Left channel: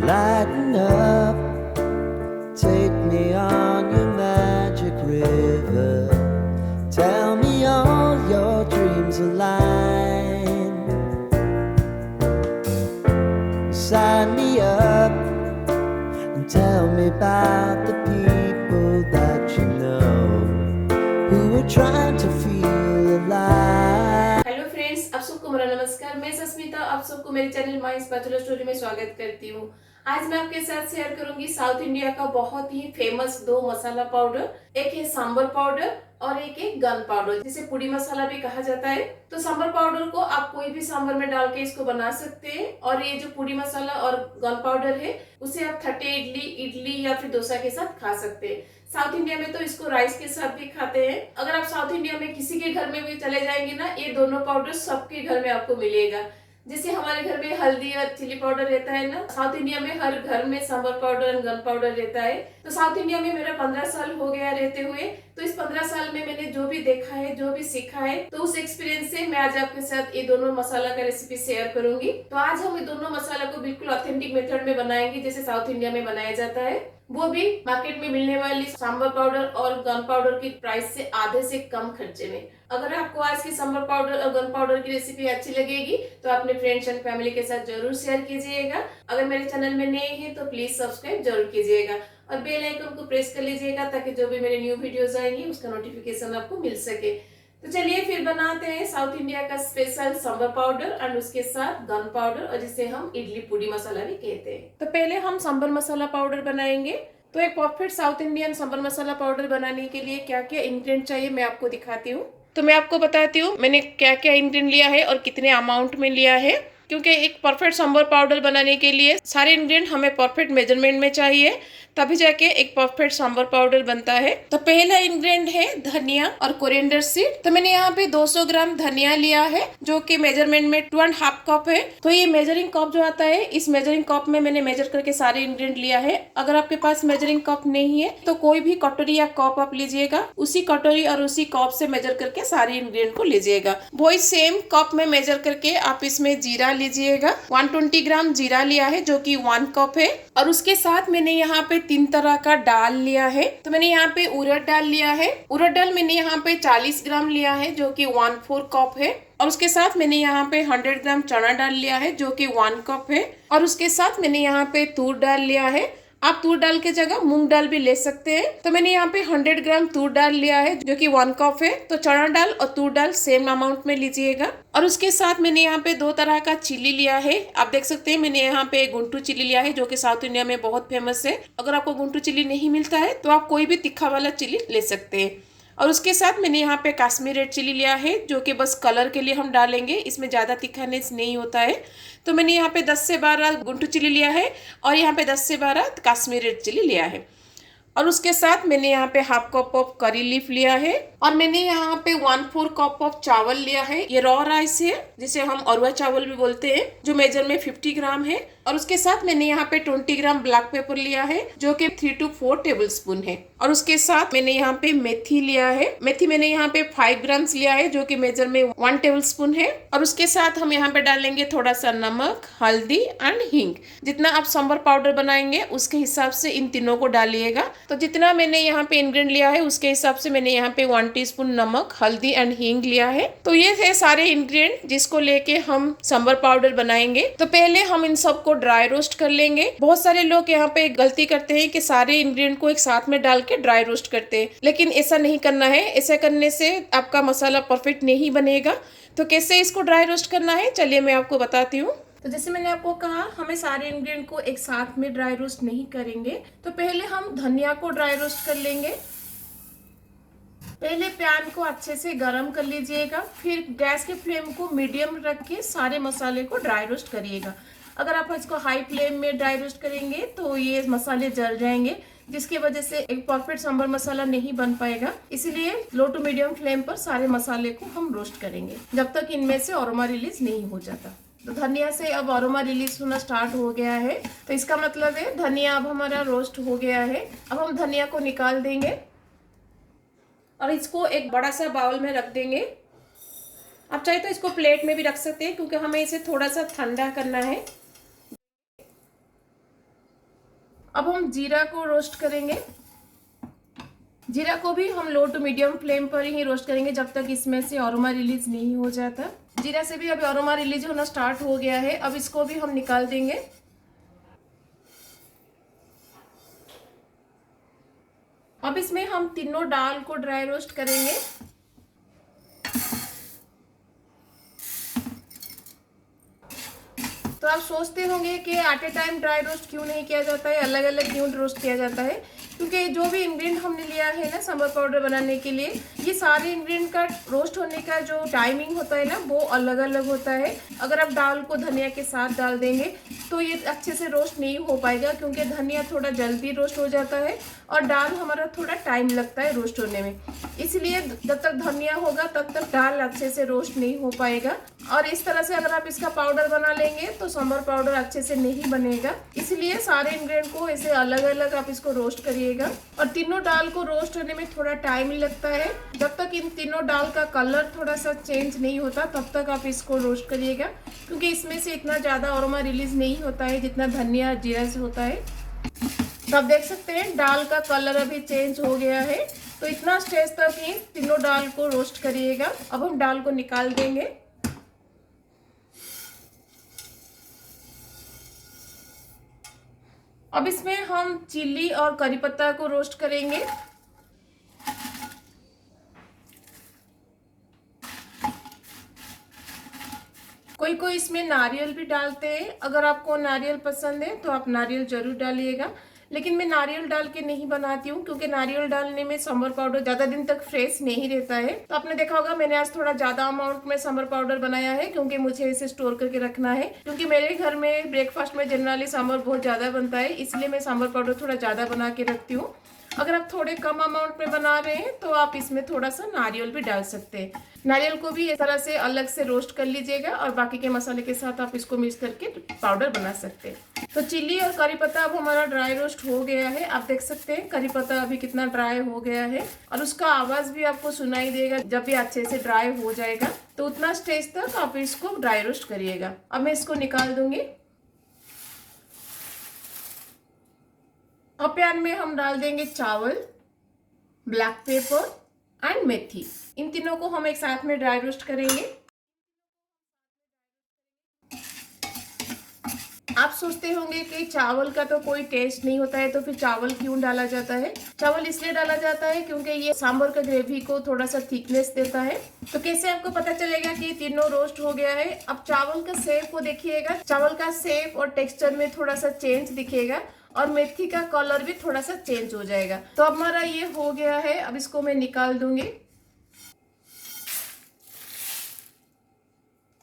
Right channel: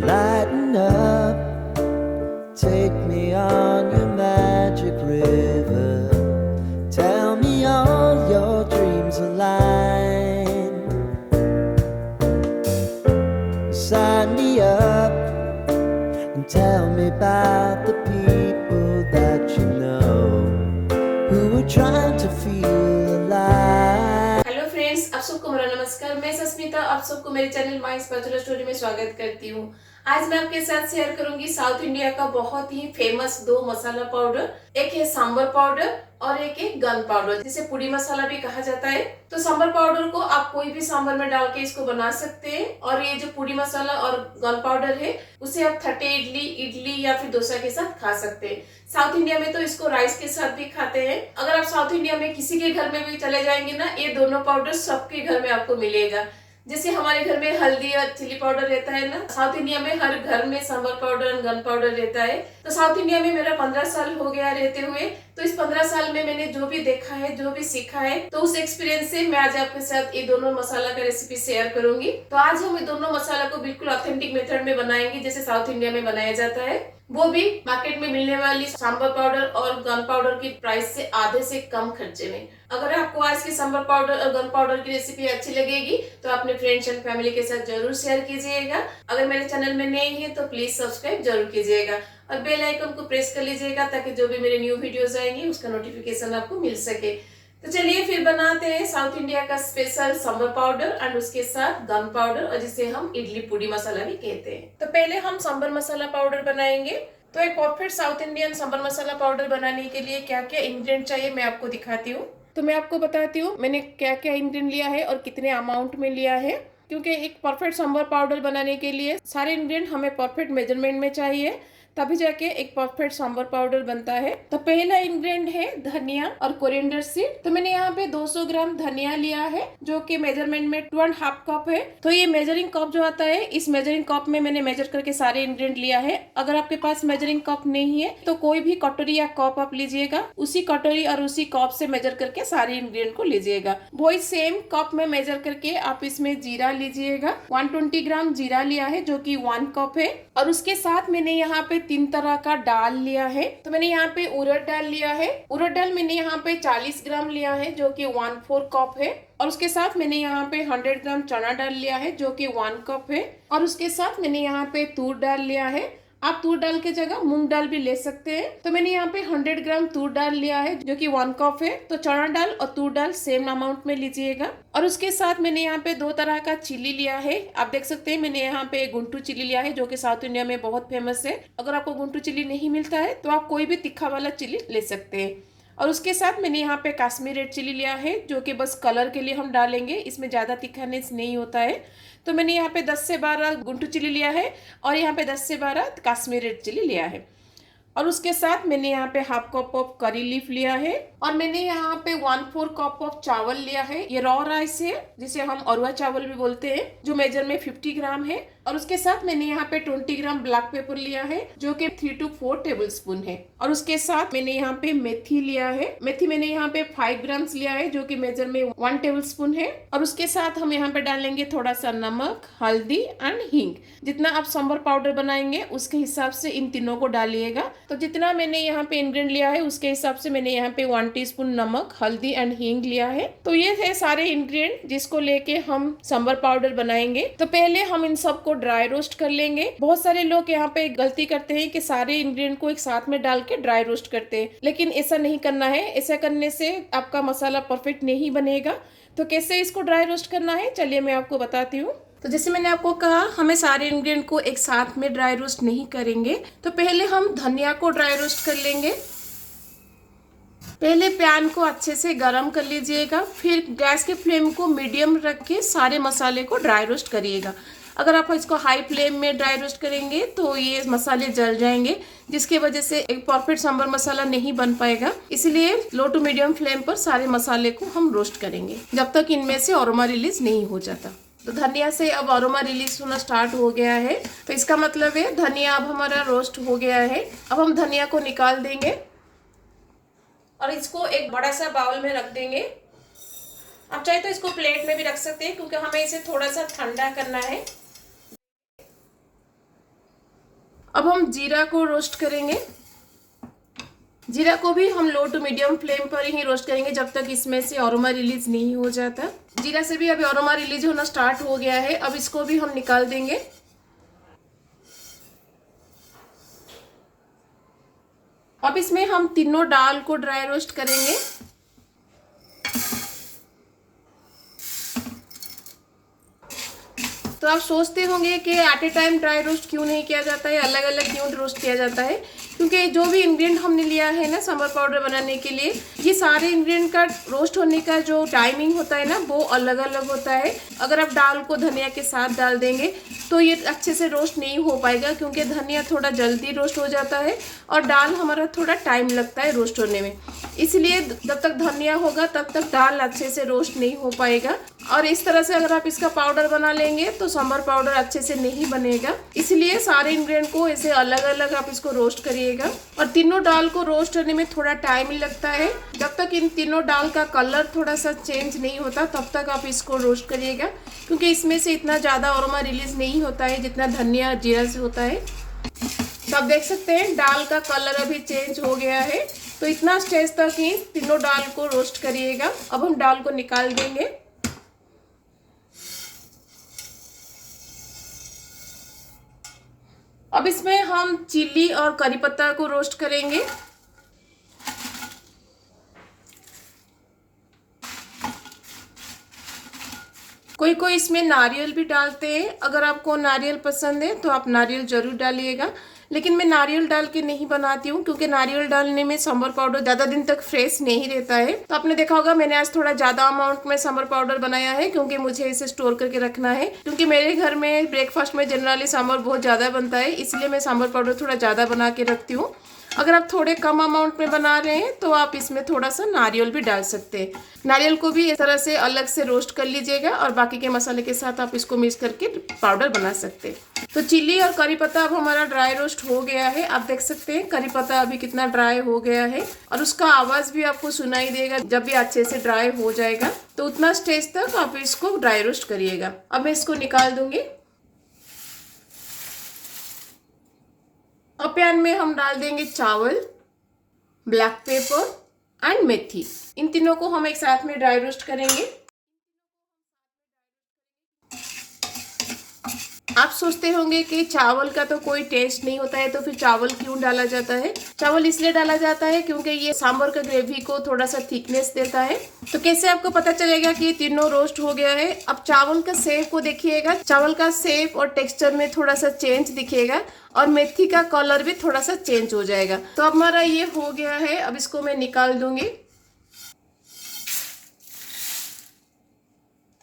Lighten up, take me on your magic river. Tell me all your dreams align. Sign me up and tell me about the people that you know who are trying to feel alive. Hello friends, आप सबको मेरा नमस्कार। मैं सस्मिता आप सबको मेरे channel my spatula story में स्वागत करती हूँ। आज मैं आपके साथ शेयर करूंगी साउथ इंडिया का बहुत ही फेमस दो मसाला पाउडर। एक है सांबर पाउडर और एक है गन पाउडर, जिसे पुड़ी मसाला भी कहा जाता है। तो सांबर पाउडर को आप कोई भी सांबर में डाल के इसको बना सकते हैं, और ये जो पुड़ी मसाला और गन पाउडर है उसे आप थटे इडली या फिर डोसा के साथ खा सकते हैं। साउथ इंडिया में तो इसको राइस के साथ भी खाते हैं। अगर आप साउथ इंडिया में किसी के घर में भी चले जाएंगे ना, ये दोनों पाउडर सबके घर में आपको मिलेगा। जैसे हमारे घर में हल्दी और चिली पाउडर रहता है ना, साउथ इंडिया में हर घर में सांबर पाउडर और गन पाउडर रहता है। तो साउथ इंडिया में मेरा 15 साल हो गया रहते हुए। तो इस 15 साल में मैंने जो भी देखा है, जो भी सीखा है, तो उस एक्सपीरियंस से मैं आज आपके साथ ये दोनों मसाला का रेसिपी शेयर करूंगी। तो आज हम ये दोनों मसाला को बिल्कुल ऑथेंटिक मेथड में बनाएंगे, जैसे साउथ इंडिया में बनाया जाता है, वो भी मार्केट में मिलने वाली सांबर पाउडर और गन पाउडर की प्राइस से आधे से कम खर्चे में। अगर आपको आज की सांबर पाउडर और गन पाउडर की रेसिपी अच्छी लगेगी तो अपने फ्रेंड्स एंड फैमिली के साथ जरूर शेयर कीजिएगा। अगर मेरे चैनल में नए हैं तो प्लीज सब्सक्राइब जरूर कीजिएगा और बेल आइकन को प्रेस कर लीजिएगा, ताकि जो भी मेरे न्यू वीडियोस आएंगे उसका नोटिफिकेशन आपको मिल सके। तो चलिए फिर बनाते हैं साउथ इंडिया का स्पेशल सांबर पाउडर और उसके साथ गन पाउडर, और जिसे हम इडली पुड़ी मसाला भी कहते हैं। तो पहले हम सांबर मसाला पाउडर बनाएंगे। तो एक परफेक्ट साउथ इंडियन सांबर मसाला पाउडर बनाने के लिए क्या क्या इंग्रेडिएंट चाहिए मैं आपको दिखाती हूँ। तो मैं आपको बताती हूँ मैंने क्या क्या इंग्रेडिएंट लिया है और कितने अमाउंट में लिया है, क्योंकि एक परफेक्ट सांबर पाउडर बनाने के लिए सारे इंग्रेडिएंट हमें परफेक्ट मेजरमेंट में चाहिए, तभी जाके एक परफेक्ट सांबर पाउडर बनता है। तो पहला इंग्रेडिएंट है धनिया और कोरिएंडर सीड। तो मैंने यहाँ पे 200 ग्राम धनिया लिया है, जो कि मेजरमेंट में 2.5 कप है। तो ये मेजरिंग कप जो आता है, इस मेजरिंग कप में मैंने मेजर करके सारे इंग्रेडिएंट लिया है। अगर आपके पास मेजरिंग कप नहीं है तो कोई भी कटोरी या कप आप लीजिएगा, उसी कटोरी और उसी कप से मेजर करके सारे इंग्रेडिएंट को लीजिएगा। वही सेम कप में मेजर करके आप इसमें जीरा लीजिएगा। 120 ग्राम जीरा लिया है, जो कि 1 कप है। और उसके साथ मैंने यहाँ पे 3 तरह का दाल लिया है। तो मैंने यहाँ पे उड़द दाल लिया है। उड़द दाल मैंने यहाँ पे 40 ग्राम लिया है, जो कि 1/4 कप है। और उसके साथ मैंने यहाँ पे 100 ग्राम चना दाल लिया है, जो कि 1 कप है। और उसके साथ मैंने यहाँ पे तूर दाल लिया है। आप तूर दाल के जगह मूंग दाल भी ले सकते हैं। तो मैंने यहाँ पे 100 ग्राम तूर दाल लिया है, जो कि 1 कप है। तो चना दाल और तूर दाल सेम अमाउंट में लीजिएगा। और उसके साथ मैंने यहाँ पे 2 तरह का चिली लिया है। आप देख सकते हैं मैंने यहाँ पे गुंटू चिली लिया है, जो कि साउथ इंडिया में बहुत फेमस है। अगर आपको गुंटू चिली नहीं मिलता है तो आप कोई भी तीखा वाला चिली ले सकते हैं। और उसके साथ मैंने यहाँ पे कश्मीर रेड चिली लिया है, जो कि बस कलर के लिए हम डालेंगे, इसमें ज़्यादा तीखानेस नहीं होता है। तो मैंने यहाँ पे 10 से 12 गुंटू चिली लिया है और यहाँ पे 10 से 12 कश्मीर रेड चिली लिया है। और उसके साथ मैंने यहाँ पे 1/2 कप ऑफ करी लीफ लिया है। और मैंने यहाँ पे 1/4 कप ऑफ चावल लिया है। ये रॉ राइस है, जिसे हम अरवा चावल भी बोलते हैं, जो मेजर में 50 ग्राम है। और उसके साथ मैंने यहाँ पे 20 ग्राम ब्लैक पेपर लिया है, जो कि 3 to 4 टेबल स्पून है। और उसके साथ मैंने यहाँ पे मेथी लिया है। मेथी मैंने यहाँ पे 5 ग्राम लिया है, जो कि मेजर में 1 टेबल स्पून है। और उसके साथ हम यहाँ पे डालेंगे थोड़ा सा नमक, हल्दी एंड हींग। जितना आप सांभर पाउडर बनाएंगे उसके हिसाब से इन तीनों को डालिएगा। तो जितना मैंने यहाँ पे इंग्रेडिएंट लिया है उसके हिसाब से मैंने यहाँ पे 1 टीस्पून नमक, हल्दी एंड हींग लिया है। तो ये थे सारे इंग्रेडिएंट जिसको लेके हम सांभर पाउडर बनाएंगे। तो पहले हम इन सबको ड्राई रोस्ट कर लेंगे। बहुत सारे लोग यहाँ पे गलती करते हैं कि सारे इंग्रेडिएंट को एक साथ में डाल के ड्राई रोस्ट करते हैं, लेकिन ऐसा नहीं करना है। ऐसा करने से आपका मसाला परफेक्ट नहीं बनेगा। तो कैसे इसको ड्राई रोस्ट करना है, चलिए मैं आपको बताती हूँ। तो जैसे मैंने आपको कहा, हमें सारे इंग्रेडिएंट को एक साथ में ड्राई रोस्ट नहीं करेंगे। तो पहले हम धनिया को ड्राई रोस्ट कर लेंगे। पहले पैन को अच्छे से गरम कर लीजिएगा, फिर गैस की फ्लेम को मीडियम रख के सारे मसाले को ड्राई रोस्ट करिएगा। अगर आप इसको हाई फ्लेम में ड्राई रोस्ट करेंगे तो ये मसाले जल जाएंगे, जिसकी वजह से एक परफेक्ट सांभर मसाला नहीं बन पाएगा। इसलिए लो टू मीडियम फ्लेम पर सारे मसाले को हम रोस्ट करेंगे, जब तक इनमें से अरोमा रिलीज नहीं हो जाता। तो धनिया से अब अरोमा रिलीज होना स्टार्ट हो गया है, तो इसका मतलब है धनिया अब हमारा रोस्ट हो गया है। अब हम धनिया को निकाल देंगे और इसको एक बड़ा सा बाउल में रख देंगे। आप चाहे तो इसको प्लेट में भी रख सकते हैं, क्योंकि हमें इसे थोड़ा सा ठंडा करना है। अब हम जीरा को रोस्ट करेंगे। जीरा को भी हम लो टू मीडियम फ्लेम पर ही रोस्ट करेंगे जब तक इसमें से अरोमा रिलीज नहीं हो जाता। जीरा से भी अभी अरोमा रिलीज होना स्टार्ट हो गया है। अब इसको भी हम निकाल देंगे। अब इसमें हम तीनों दाल को ड्राई रोस्ट करेंगे। तो आप सोचते होंगे कि at a time dry roast क्यों नहीं किया जाता है, अलग अलग क्यों रोस्ट किया जाता है? क्योंकि जो भी इंग्रेडिएंट हमने लिया है ना सांभर पाउडर बनाने के लिए, ये सारे इंग्रेडिएंट का रोस्ट होने का जो टाइमिंग होता है ना वो अलग अलग होता है। अगर आप दाल को धनिया के साथ डाल देंगे तो ये अच्छे से रोस्ट नहीं हो पाएगा, क्योंकि धनिया थोड़ा जल्दी रोस्ट हो जाता है और दाल हमारा थोड़ा टाइम लगता है रोस्ट होने में। इसलिए जब तक धनिया होगा तब तक दाल अच्छे से रोस्ट नहीं हो पाएगा। और इस तरह से अगर आप इसका पाउडर बना लेंगे तो सांभर पाउडर अच्छे से नहीं बनेगा। इसलिए सारे इंग्रेडिएंट को ऐसे अलग अलग आप इसको रोस्ट करिएगा। और तीनों दाल को रोस्ट करने में थोड़ा टाइम लगता है। जब तक इन तीनों दाल का कलर थोड़ा सा चेंज नहीं होता तब तक आप इसको रोस्ट करिएगा, क्योंकि इसमें से इतना ज़्यादा अरोमा रिलीज नहीं होता है जितना धनिया जीरा से होता है। तो आप देख सकते हैं दाल का कलर अभी चेंज हो गया है। तो इतना स्टेज तक ही तीनों दाल को रोस्ट करिएगा। अब हम दाल को निकाल देंगे। अब इसमें हम चिल्ली और करी पत्ता को रोस्ट करेंगे। कोई कोई इसमें नारियल भी डालते हैं। अगर आपको नारियल पसंद है तो आप नारियल जरूर डालिएगा, लेकिन मैं नारियल डाल के नहीं बनाती हूँ, क्योंकि नारियल डालने में सांभर पाउडर ज़्यादा दिन तक फ्रेश नहीं रहता है। तो आपने देखा होगा मैंने आज थोड़ा ज़्यादा अमाउंट में सांभर पाउडर बनाया है, क्योंकि मुझे इसे स्टोर करके रखना है। क्योंकि मेरे घर में ब्रेकफास्ट में जनरली सांभर बहुत ज़्यादा बनता है, इसलिए मैं सांभर पाउडर थोड़ा ज़्यादा बना के रखती हूँ। अगर आप थोड़े कम अमाउंट में बना रहे हैं तो आप इसमें थोड़ा सा नारियल भी डाल सकते हैं। नारियल को भी इस तरह से अलग से रोस्ट कर लीजिएगा और बाकी के मसाले के साथ आप इसको मिक्स करके पाउडर बना सकते हैं। तो चिल्ली और करी पत्ता अब हमारा ड्राई रोस्ट हो गया है। आप देख सकते हैं करी पत्ता अभी कितना ड्राई हो गया है और उसका आवाज़ भी आपको सुनाई देगा जब भी अच्छे से ड्राई हो जाएगा। तो उतना स्टेज तक आप इसको ड्राई रोस्ट करिएगा। अब मैं इसको निकाल दूंगी। अब पैन में हम डाल देंगे चावल, ब्लैक पेपर एंड मेथी। इन तीनों को हम एक साथ में ड्राई रोस्ट करेंगे। आप सोचते होंगे कि चावल का तो कोई टेस्ट नहीं होता है, तो फिर चावल क्यों डाला जाता है? चावल इसलिए डाला जाता है क्योंकि ये सांभर का ग्रेवी को थोड़ा सा थिकनेस देता है। तो कैसे आपको पता चलेगा कि ये तीनों रोस्ट हो गया है? अब चावल का शेप को देखिएगा, चावल का शेप और टेक्सचर में थोड़ा सा चेंज दिखेगा और मेथी का कलर भी थोड़ा सा चेंज हो जाएगा। तो अब हमारा ये हो गया है। अब इसको मैं निकाल दूंगी।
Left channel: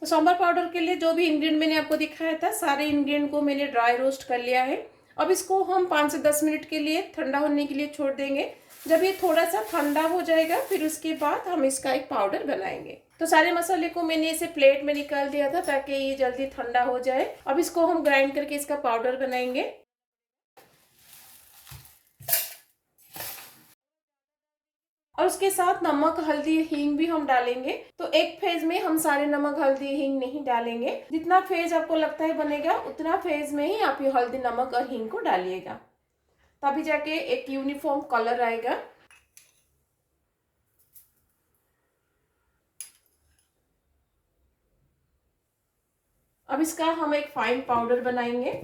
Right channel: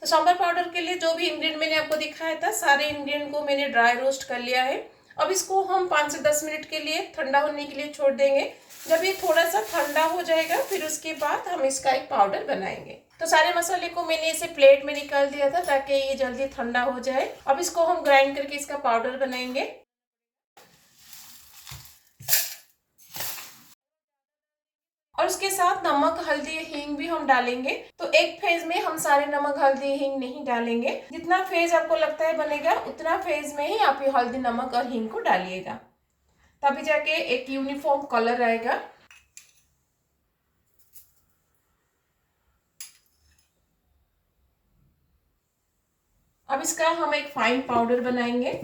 तो सांभर पाउडर के लिए जो भी इंग्रेडिएंट मैंने आपको दिखाया था, सारे इंग्रेडिएंट को मैंने ड्राई रोस्ट कर लिया है। अब इसको हम 5 से 10 मिनट के लिए ठंडा होने के लिए छोड़ देंगे। जब ये थोड़ा सा ठंडा हो जाएगा फिर उसके बाद हम इसका एक पाउडर बनाएंगे। तो सारे मसाले को मैंने इसे प्लेट में निकाल दिया था ताकि ये जल्दी ठंडा हो जाए। अब इसको हम ग्राइंड करके इसका पाउडर बनाएंगे। और उसके साथ नमक, हल्दी, हींग भी हम डालेंगे। तो एक फेज में हम सारे नमक, हल्दी, हींग नहीं डालेंगे। जितना फेज आपको लगता है बनेगा उतना फेज में ही आप ये हल्दी, नमक और हींग को डालिएगा, तभी जाके एक यूनिफॉर्म कलर आएगा। अब इसका हम एक फाइन पाउडर बनाएंगे।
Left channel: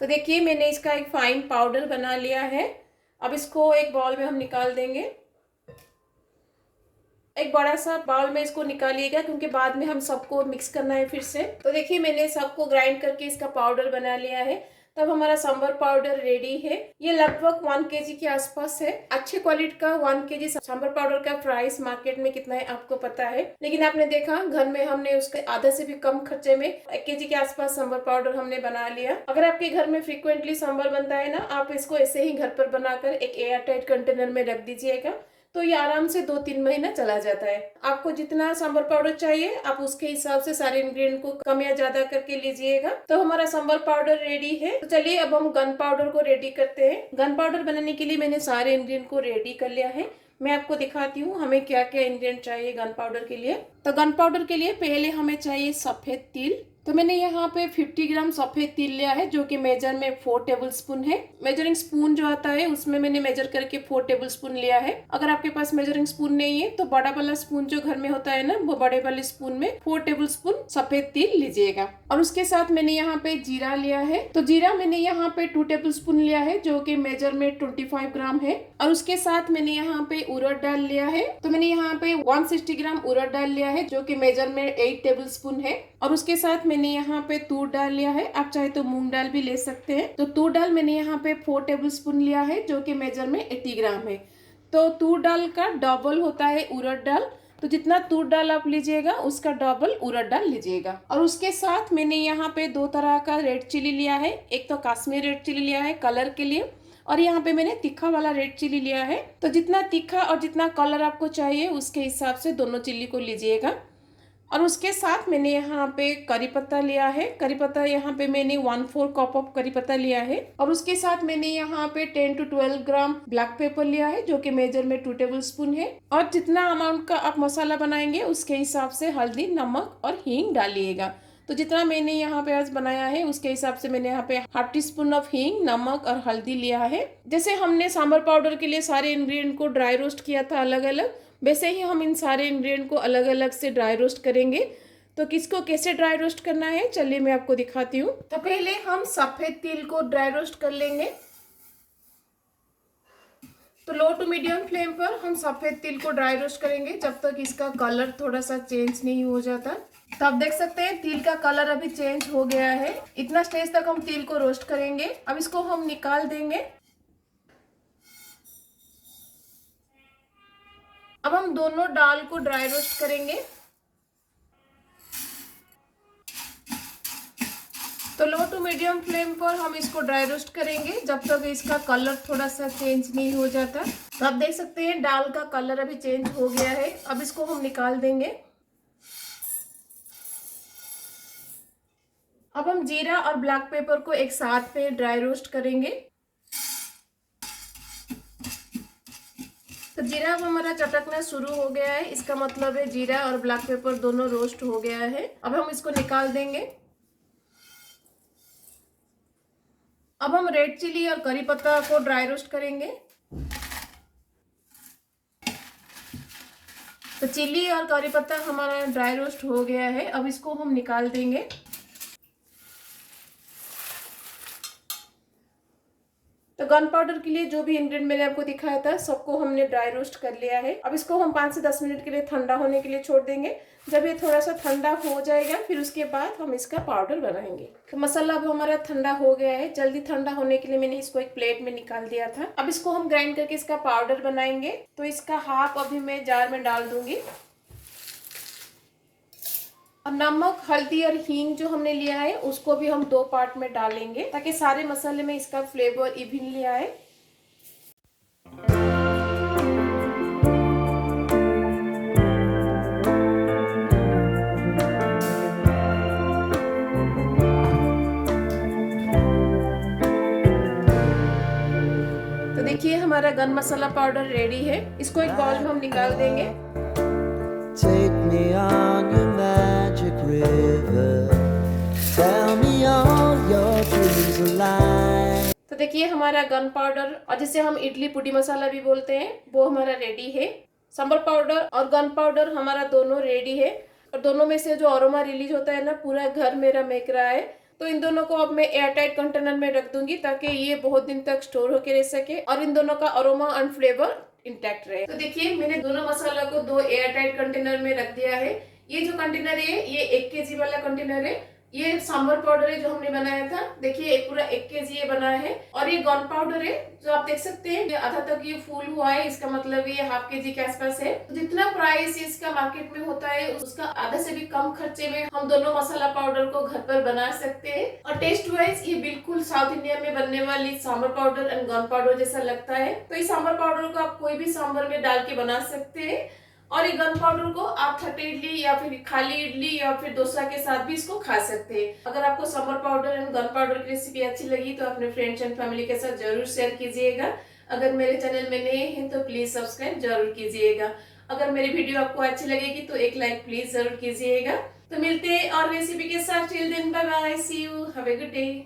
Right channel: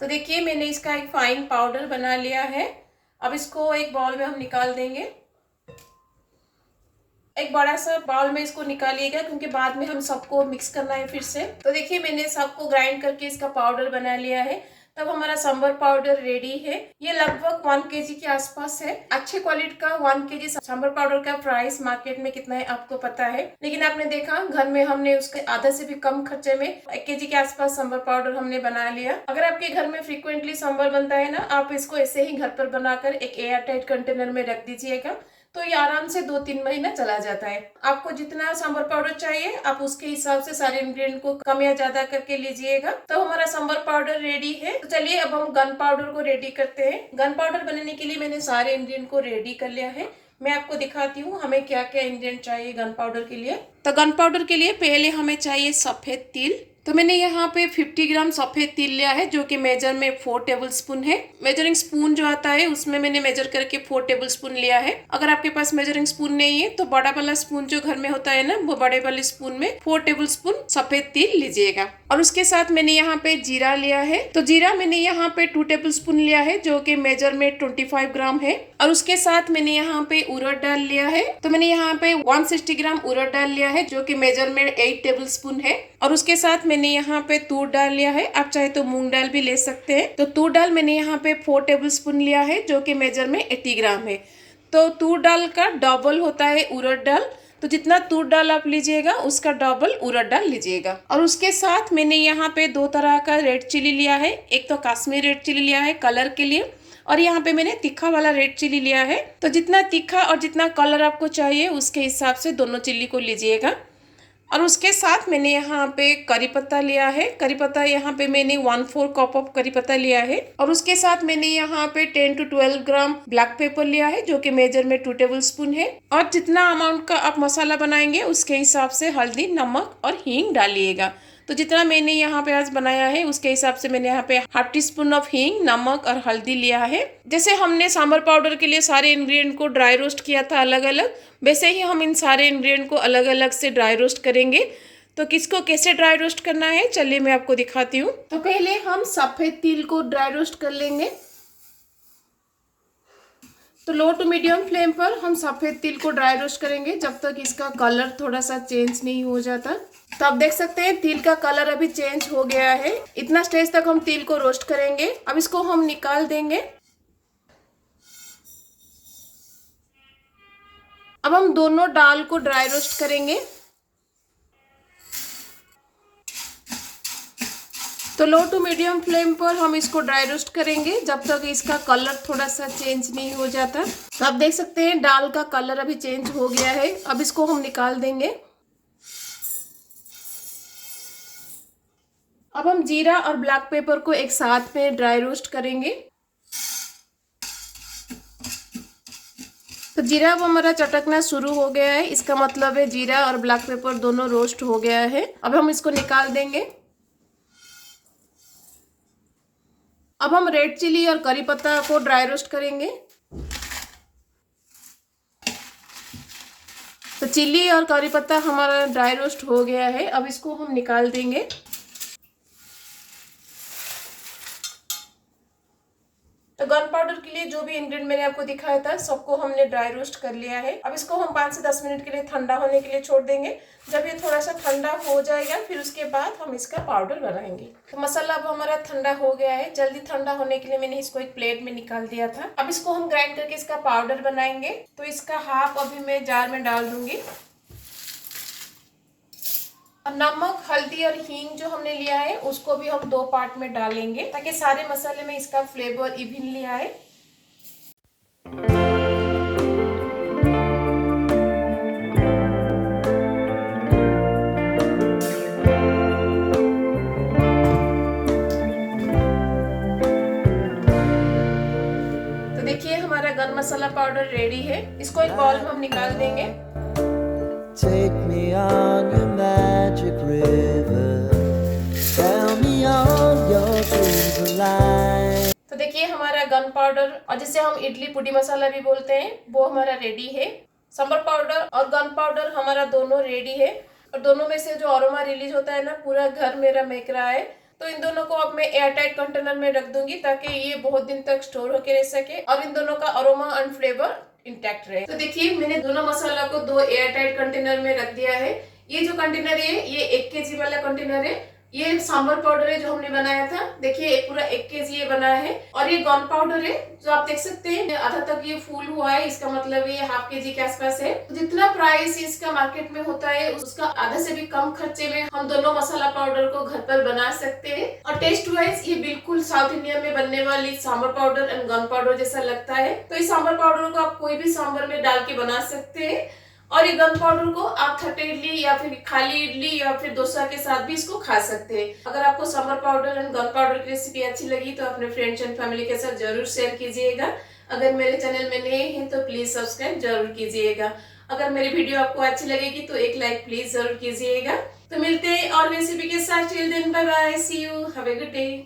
तो देखिए मैंने इसका एक फाइन पाउडर बना लिया है। अब इसको एक बाउल में हम निकाल देंगे। एक बड़ा सा बाउल में इसको निकालिएगा, क्योंकि बाद में हम सबको मिक्स करना है फिर से। तो देखिए मैंने सबको ग्राइंड करके इसका पाउडर बना लिया है। तब हमारा सांभर पाउडर रेडी है। ये लगभग 1 kg के आसपास है। अच्छे क्वालिटी का 1 kg सांभर पाउडर का प्राइस मार्केट में कितना है आपको पता है, लेकिन आपने देखा घर में हमने उसके आधा से भी कम खर्चे में 1 kg के आसपास सांभर पाउडर हमने बना लिया। अगर आपके घर में फ्रीक्वेंटली सांभर बनता है ना, आप इसको ऐसे ही घर पर बनाकर एक एयर टाइट कंटेनर में रख दीजिएगा, तो ये आराम से 2-3 महीना चला जाता है। आपको जितना सांभर पाउडर चाहिए आप उसके हिसाब से सारे इंग्रेडिएंट को कम या ज्यादा करके लीजिएगा। तो हमारा सांभर पाउडर रेडी है। तो चलिए अब हम गन पाउडर को रेडी करते हैं। गन पाउडर बनाने के लिए मैंने सारे इंग्रेडिएंट को रेडी कर लिया है। मैं आपको दिखाती हूँ हमें क्या क्या इंग्रेडिएंट चाहिए गन पाउडर के लिए। तो गन पाउडर के लिए पहले हमें चाहिए सफ़ेद तिल। तो मैंने यहाँ पे 50 ग्राम सफ़ेद तिल लिया है, जो कि मेजर में 4 टेबल स्पून है। मेजरिंग स्पून जो आता है उसमें मैंने मेजर करके 4 टेबल स्पून लिया है। अगर आपके पास मेजरिंग स्पून नहीं है तो बड़ा वाला स्पून जो घर में होता है ना, वो बड़े वाले स्पून में 4 टेबल स्पून सफ़ेद तिल लीजिएगा। और उसके साथ मैंने यहाँ पे जीरा लिया है। तो जीरा मैंने यहाँ पे 2 टेबल स्पून लिया है, जो कि मेजर में 25 ग्राम है। और उसके साथ मैंने यहाँ पे उड़द दाल लिया है। तो मैंने यहाँ पे 160 ग्राम उड़द दाल लिया है, जो कि मेजर में 8 टेबल स्पून है। और उसके साथ मैंने यहाँ पे तूर दाल लिया है, आप चाहे तो मूंग दाल भी ले सकते हैं। तो तूर दाल मैंने यहाँ पे 4 टेबल स्पून लिया है, जो कि मेजर में 80 ग्राम है। तो तूर दाल का डबल होता है उड़द दाल, तो जितना तूर दाल आप लीजिएगा उसका डबल उड़द दाल लीजिएगा। और उसके साथ मैंने यहाँ पे 2 तरह का रेड चिली लिया है। एक तो कश्मीरी रेड चिली लिया है कलर के लिए, और यहाँ पे मैंने तीखा वाला रेड चिली लिया है। तो जितना तीखा और जितना कलर आपको चाहिए उसके हिसाब से दोनों चिल्ली को लीजिएगा। और उसके साथ मैंने यहाँ पे करी पत्ता लिया है। करी पत्ता यहाँ पे मैंने 1/4 कप ऑफ करी पत्ता लिया है। और उसके साथ मैंने यहाँ पे 10 to 12 ग्राम ब्लैक पेपर लिया है, जो कि मेजर में 2 टेबल स्पून है। और जितना अमाउंट का आप मसाला बनाएंगे उसके हिसाब से हल्दी, नमक और हींग डालिएगा। तो जितना मैंने यहाँ पे आज बनाया है उसके हिसाब से मैंने यहाँ पे हाफ टी स्पून ऑफ हींग, नमक और हल्दी लिया है। जैसे हमने सांभर पाउडर के लिए सारे इंग्रेडिएंट को ड्राई रोस्ट किया था अलग अलग, वैसे ही हम इन सारे इंग्रेडिएंट को अलग अलग से ड्राई रोस्ट करेंगे। तो किसको कैसे ड्राई रोस्ट करना है चलिए मैं आपको दिखाती हूँ। तो पहले हम सफेद तिल को ड्राई रोस्ट कर लेंगे। तो लो टू मीडियम फ्लेम पर हम सफेद तिल को ड्राई रोस्ट करेंगे जब तक इसका कलर थोड़ा सा चेंज नहीं हो जाता। तो आप देख सकते हैं तिल का कलर अभी चेंज हो गया है। इतना स्टेज तक हम तिल को रोस्ट करेंगे। अब इसको हम निकाल देंगे। अब हम दोनों दाल को ड्राई रोस्ट करेंगे। तो लो टू मीडियम फ्लेम पर हम इसको ड्राई रोस्ट करेंगे जब तक इसका कलर थोड़ा सा चेंज नहीं हो जाता। तो आप देख सकते हैं दाल का कलर अभी चेंज हो गया है। अब इसको हम निकाल देंगे। अब हम जीरा और ब्लैक पेपर को एक साथ में ड्राई रोस्ट करेंगे। तो जीरा अब हमारा चटकना शुरू हो गया है, इसका मतलब है जीरा और ब्लैक पेपर दोनों रोस्ट हो गया है। अब हम इसको निकाल देंगे। अब हम रेड चिली और करी पत्ता को ड्राई रोस्ट करेंगे। तो चिली और करी पत्ता हमारा ड्राई रोस्ट हो गया है। अब इसको हम निकाल देंगे। तो गन पाउडर के लिए जो भी इंग्रेडिएंट मैंने आपको दिखाया था सबको हमने ड्राई रोस्ट कर लिया है। अब इसको हम 5 से 10 मिनट के लिए ठंडा होने के लिए छोड़ देंगे। जब ये थोड़ा सा ठंडा हो जाएगा फिर उसके बाद हम इसका पाउडर बनाएंगे। तो मसाला अब हमारा ठंडा हो गया है। जल्दी ठंडा होने के लिए मैंने इसको एक प्लेट में निकाल दिया था। अब इसको हम ग्राइंड करके इसका पाउडर बनाएंगे। तो इसका हाफ अभी मैं जार में डाल दूंगी। अब नमक, हल्दी और हींग जो हमने लिया है उसको भी हम 2 पार्ट में डालेंगे ताकि सारे मसाले में इसका फ्लेवर इवनली आए। तो देखिए हमारा गन मसाला पाउडर रेडी है। इसको एक बाउल में हम निकाल देंगे। Take me on your magic river. Tell me all your dreams alive. तो देखिए हमारा गन पाउडर और जिसे हम इडली पुडी मसाला भी बोलते हैं वो हमारा रेडी है। सांभर पाउडर और गन पाउडर हमारा दोनों रेडी है। और दोनों में से जो अरोमा रिलीज होता है ना, पूरा घर मेरा महक रहा है। तो इन दोनों को अब मैं एयरटाइट कंटेनर में रख दूंगी ताकि ये बहुत दिन तक स्टोर होके रह सके और इन दोनों का अरोमा एंड फ्लेवर इंटैक्ट रहे। तो देखिए मैंने दोनों मसाला को 2 एयरटाइट कंटेनर में रख दिया है। ये जो कंटेनर है ये 1 kg वाला कंटेनर है। ये सांभर पाउडर है जो हमने बनाया था। देखिए पूरा 1 kg ये बनाया है। और ये गन पाउडर है जो आप देख सकते हैं आधा तक ये फूल हुआ है, इसका मतलब ये हाफ kg के आसपास है। तो जितना प्राइस इसका मार्केट में होता है उसका आधा से भी कम खर्चे में हम दोनों मसाला पाउडर को घर पर बना सकते हैं। और टेस्ट वाइज ये बिल्कुल साउथ इंडिया में बनने वाली sambar powder and gun powder जैसा लगता है। तो इस सांभर पाउडर को आप कोई भी सांभर में डाल के बना सकते हैं। और ये गन पाउडर को आप खट्टे इडली या फिर खाली इडली या फिर डोसा के साथ भी इसको खा सकते हैं। अगर आपको sambar powder and gun powder की रेसिपी अच्छी लगी तो अपने फ्रेंड्स एंड फैमिली के साथ जरूर शेयर कीजिएगा। अगर मेरे चैनल में नए हैं तो प्लीज सब्सक्राइब जरूर कीजिएगा। अगर मेरी वीडियो आपको अच्छी लगेगी तो एक लाइक प्लीज जरूर कीजिएगा। तो मिलते हैं और रेसिपी के साथ। Till then bye bye, see you, have a good day.